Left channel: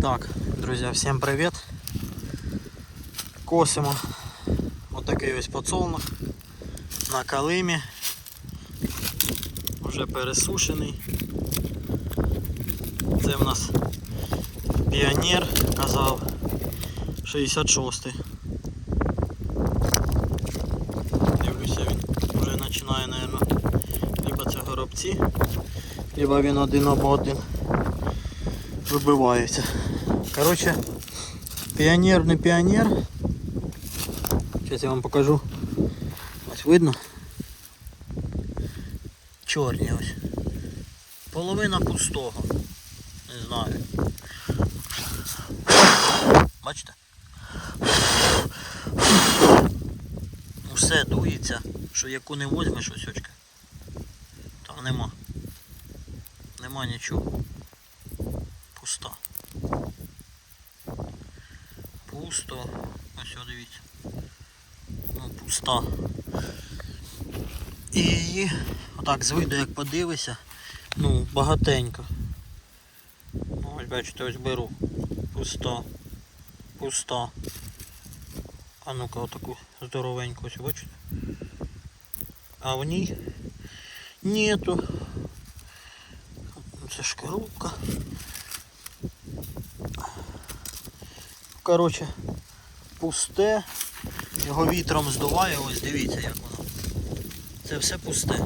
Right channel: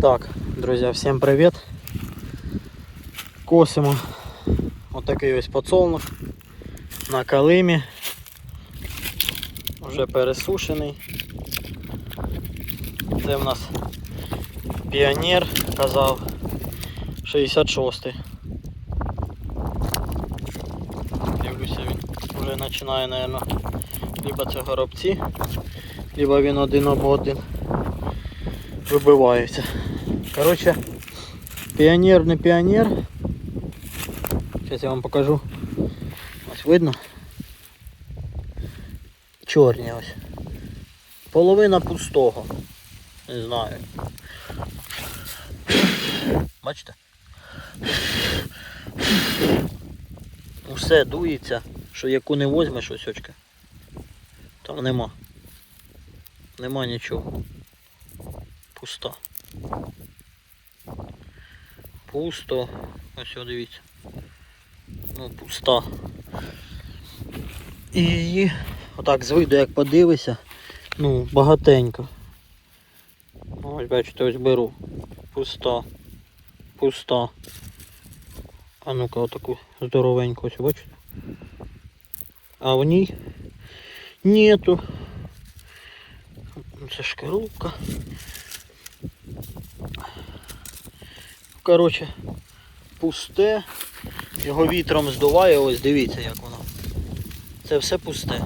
Так, друзі, всім привіт. Косимо отакий ось подсолнух на калимі. Вже пересушений. Це в нас піонер, казав 66-й. Дивлюся, він вже починає, мабуть, либо це горобці, либо він один об один вибивається. Коротше, піонер не піонер. Зараз я вам покажу. Ось видно. Чорні ось. Половина пустого. Не знаю. Бачите? Усе дується, що яку не возьмеш ось очка. Там нема. Нема нічого. Пуста. Пусто. Ось о, дивіться. Ну, пуста. І отак з як подивишся, ну, багатенько. Ну, Ось бачите, ось беру. Пуста. Пуста. А ну-ка отаку здоровеньку ось бачите? А в ній нету. Це шкарубка. Коротше, пусте. Його вітром здуває, ось дивіться як воно. Це все пусте.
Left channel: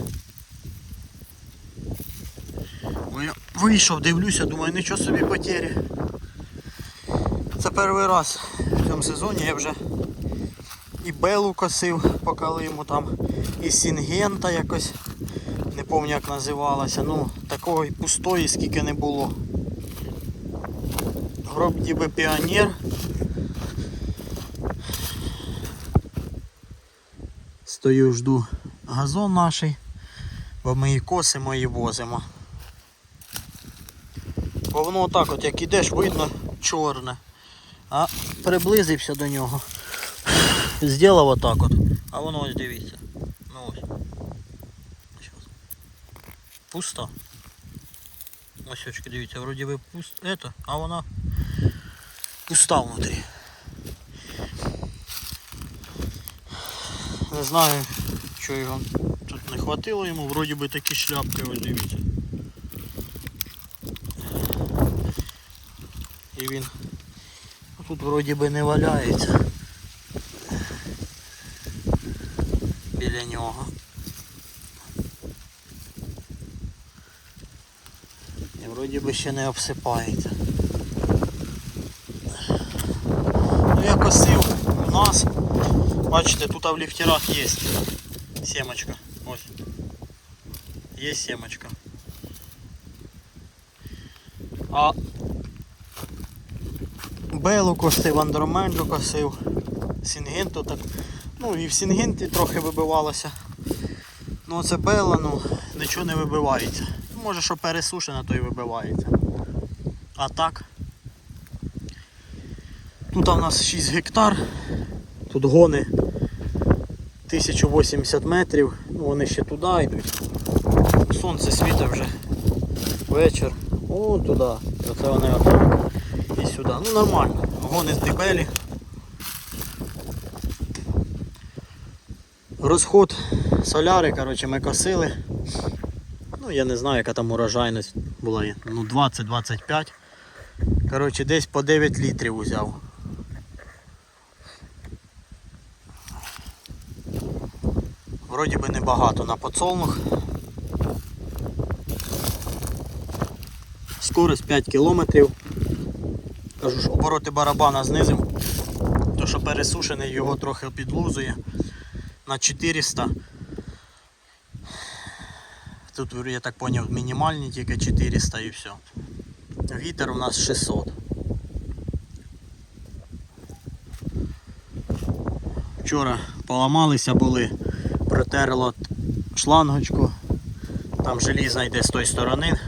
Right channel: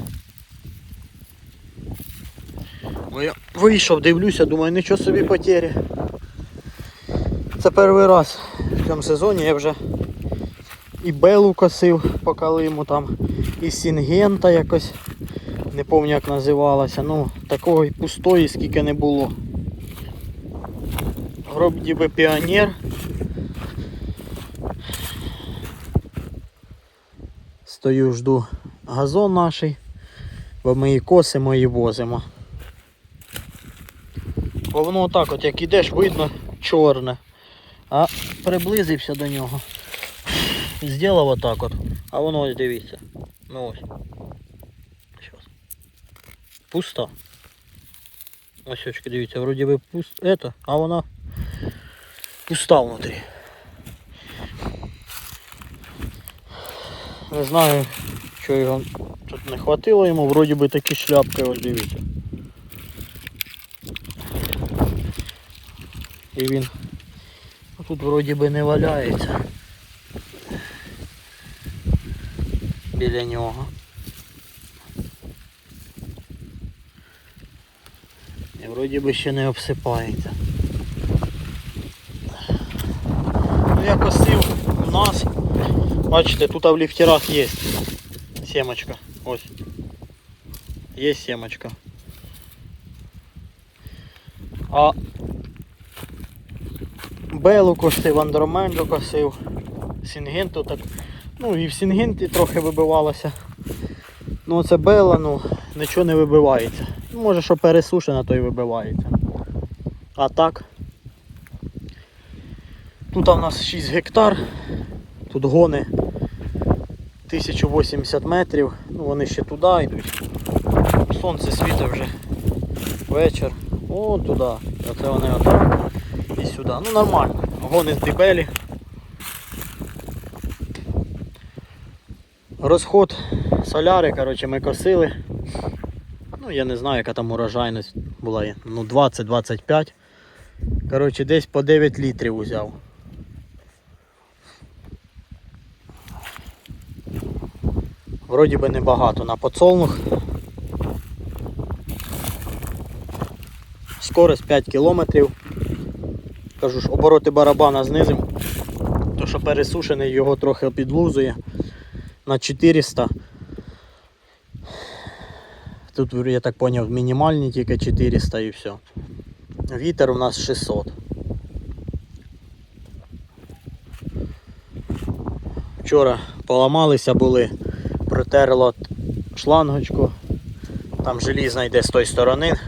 Бо я вийшов, дивлюся, думаю, нічого собі потері. Це перший раз в цьому сезоні я вже і белу косив по калиму там, і сінгента якось, не пам'ятаю як називалася, ну такого пустої скільки не було. Вроді би піонер. Стою, жду газон наш, бо ми її косимо і возимо. Бо воно отак от як ідеш, видно чорне. А приблизився до нього. Зробив отак от. А воно ось дивіться. Ну ось. Щас. Пусто. Ось очки, дивіться, вроді би пусто. Это, а вона пуста внутрі. Не знаю, що його тут не хватило йому, вроді би такі шляпки, ось дивіться. І він тут вроді би не валяється біля нього. І вроді би ще не обсипається. Ну, Я косив. Бачите, тут в ліфтерах є семочка. Ось. Є семочка. А Белу косив, андроменджу косив, Сінгенту так. Ну і в Сінгенті трохи вибивалося. Ну це Бела, ну нічого не вибивається. Ну, Може що пересушена, то й вибивається. А так. Тут у нас 6 гектар. Тут гони 1080 метрів, ну вони ще туди йдуть. Сонце світить вже вечір. О, туди. Оце вони от і сюди. Ну нормально. Гони з дебелі. Розход соляри, коротше, ми косили. Ну я не знаю, яка там урожайність була. Ну 20-25. Коротше, десь по 9 літрів узяв. Вроді би небагато на подсолнух. Скорость 5 кілометрів. Кажу ж, обороти барабана знизив. То що пересушений його трохи підлузує на 400. Тут я так зрозумів мінімальні тільки 400 і все. Вітер у нас 600. Вчора поламалися були, протерло шлангочку, там желізна йде з тої сторони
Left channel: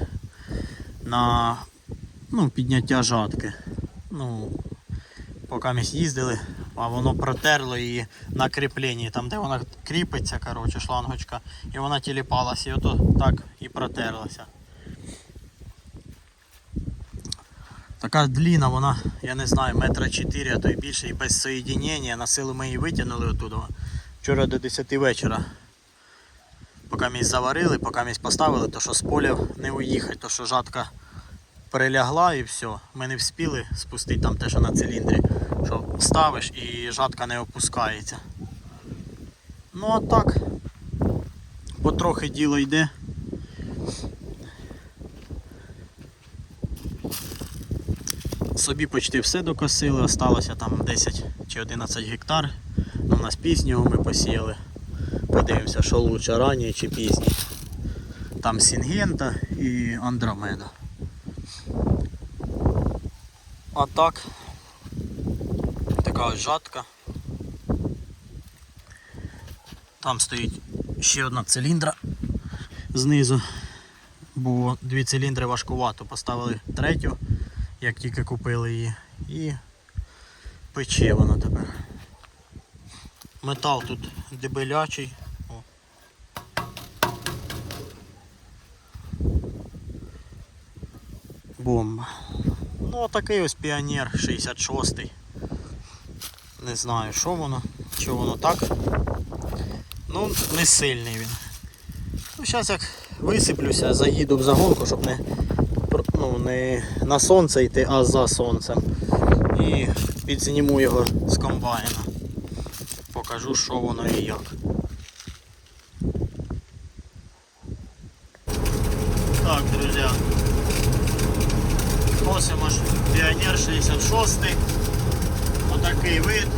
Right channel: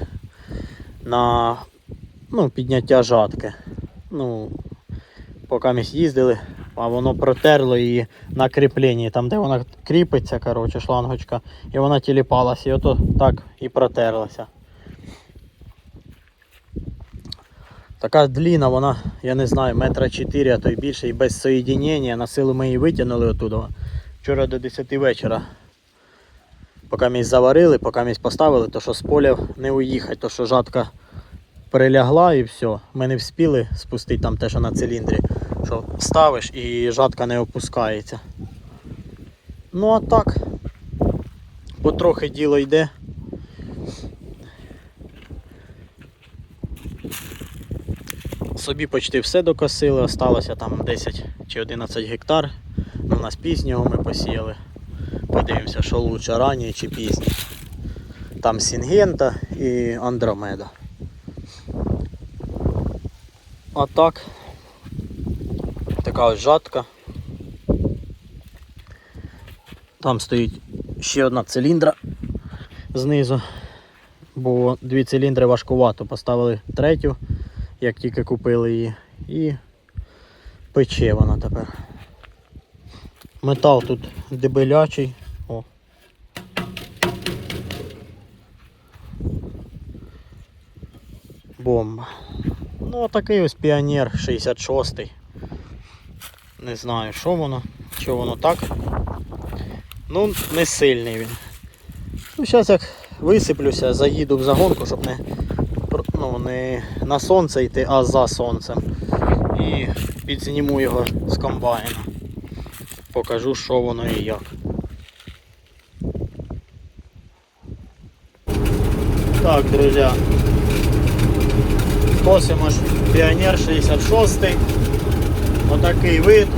на ну, підняття жатки. Ну, поки ми їздили, а воно протерло її на кріпленні, там де вона кріпиться, коротше, шлангочка, і вона тіліпалася, і ото так і протерлася. Така дліна, вона, я не знаю, метра 4, а то й більше, і без соєдінення. На силу ми її витягнули оттуда. Вчора до 10 вечора. Поки місь заварили, поки місь поставили, то що з поля не уїхати, то що жатка перелягла і все. Ми не вспіли спустити там те, що на циліндрі. Що ставиш і жатка не опускається. Ну а так, потрохи діло йде. Собі почти все докосили, осталося там 10 чи 11 гектар. Ну, у нас пізнього ми посіяли. Подивимося, що лучше ранньої чи пізні. Там Сінгента і Андромеда. А так. Така ось жатка. Там стоїть ще одна циліндра знизу. Бо дві циліндри важкувато. Поставили третю, як тільки купили її. І пече вона тепер. Метал тут дебелячий. О. Бомба. Ну, такий ось піонер 66-й. Не знаю, що воно, що воно так. Ну, не сильний він. Ну, зараз як висиплюся, заїду в загонку, щоб не, ну, не на сонце йти, а за сонцем. І підзніму його з комбайна. Покажу, що воно і як. Так, друзі. Косимо Піонер 66. Отакий вид.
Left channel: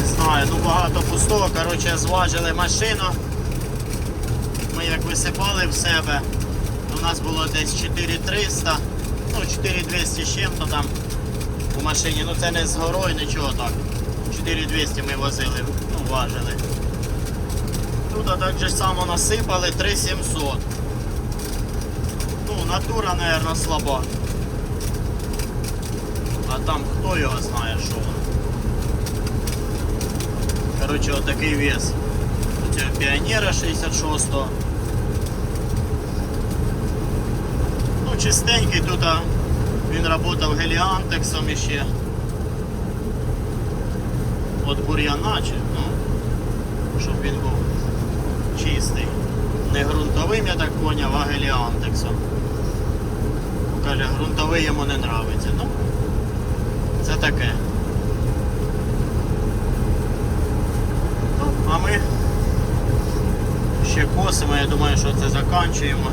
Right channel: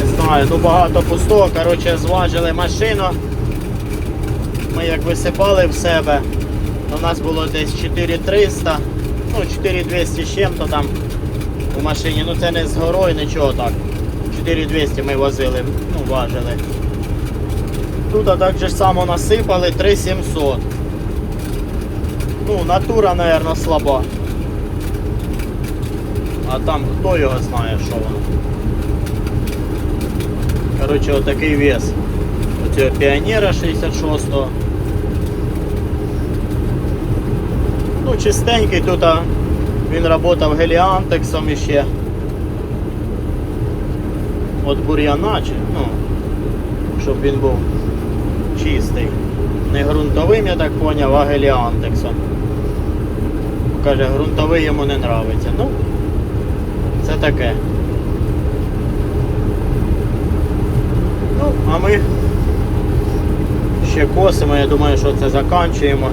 Не знаю, ну багато пустого. Коротше, зважили машину. Ми як висипали в себе, у нас було десь 4300, ну 4200 з чим-то там у машині. Ну це не з горою, нічого так. 4200 ми возили, ну важили. Тут так же само насипали 3700. Ну, натура, мабуть, слаба. А там хто його знає, що воно. Коротше, отакий вес. Оцього піонера 66-го. Ну, чистенький тут а, він працював геліантексом іще. От бур'яна, ну, щоб він був чистий. Не ґрунтовим, я так поняв, а геліантексом. Каже, ґрунтовий йому не нравиться. Ну, це таке. Ну, а ми ще косимо, я думаю, що це заканчуємо.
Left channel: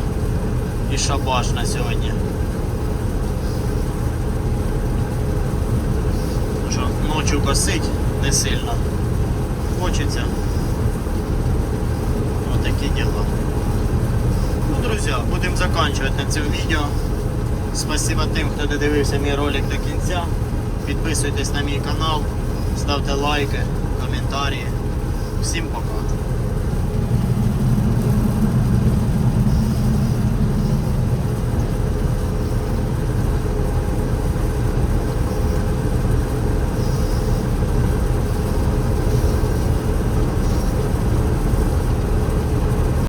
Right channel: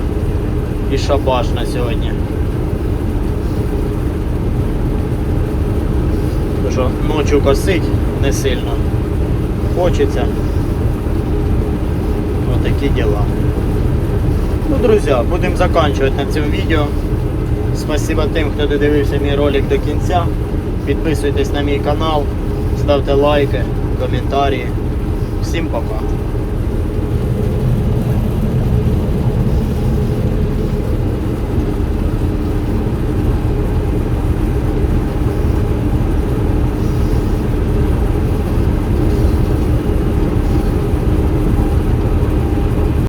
І шабаш на сьогодні. Тому що ночі косить не сильно. Хочеться. Вот такие дела. Ну, друзья, будем заканчивать на цьому відео. Спасибо тим, хто додивився мій ролик до кінця. Підписуйтесь на мій канал, ставте лайки, коментарі. Всім пока.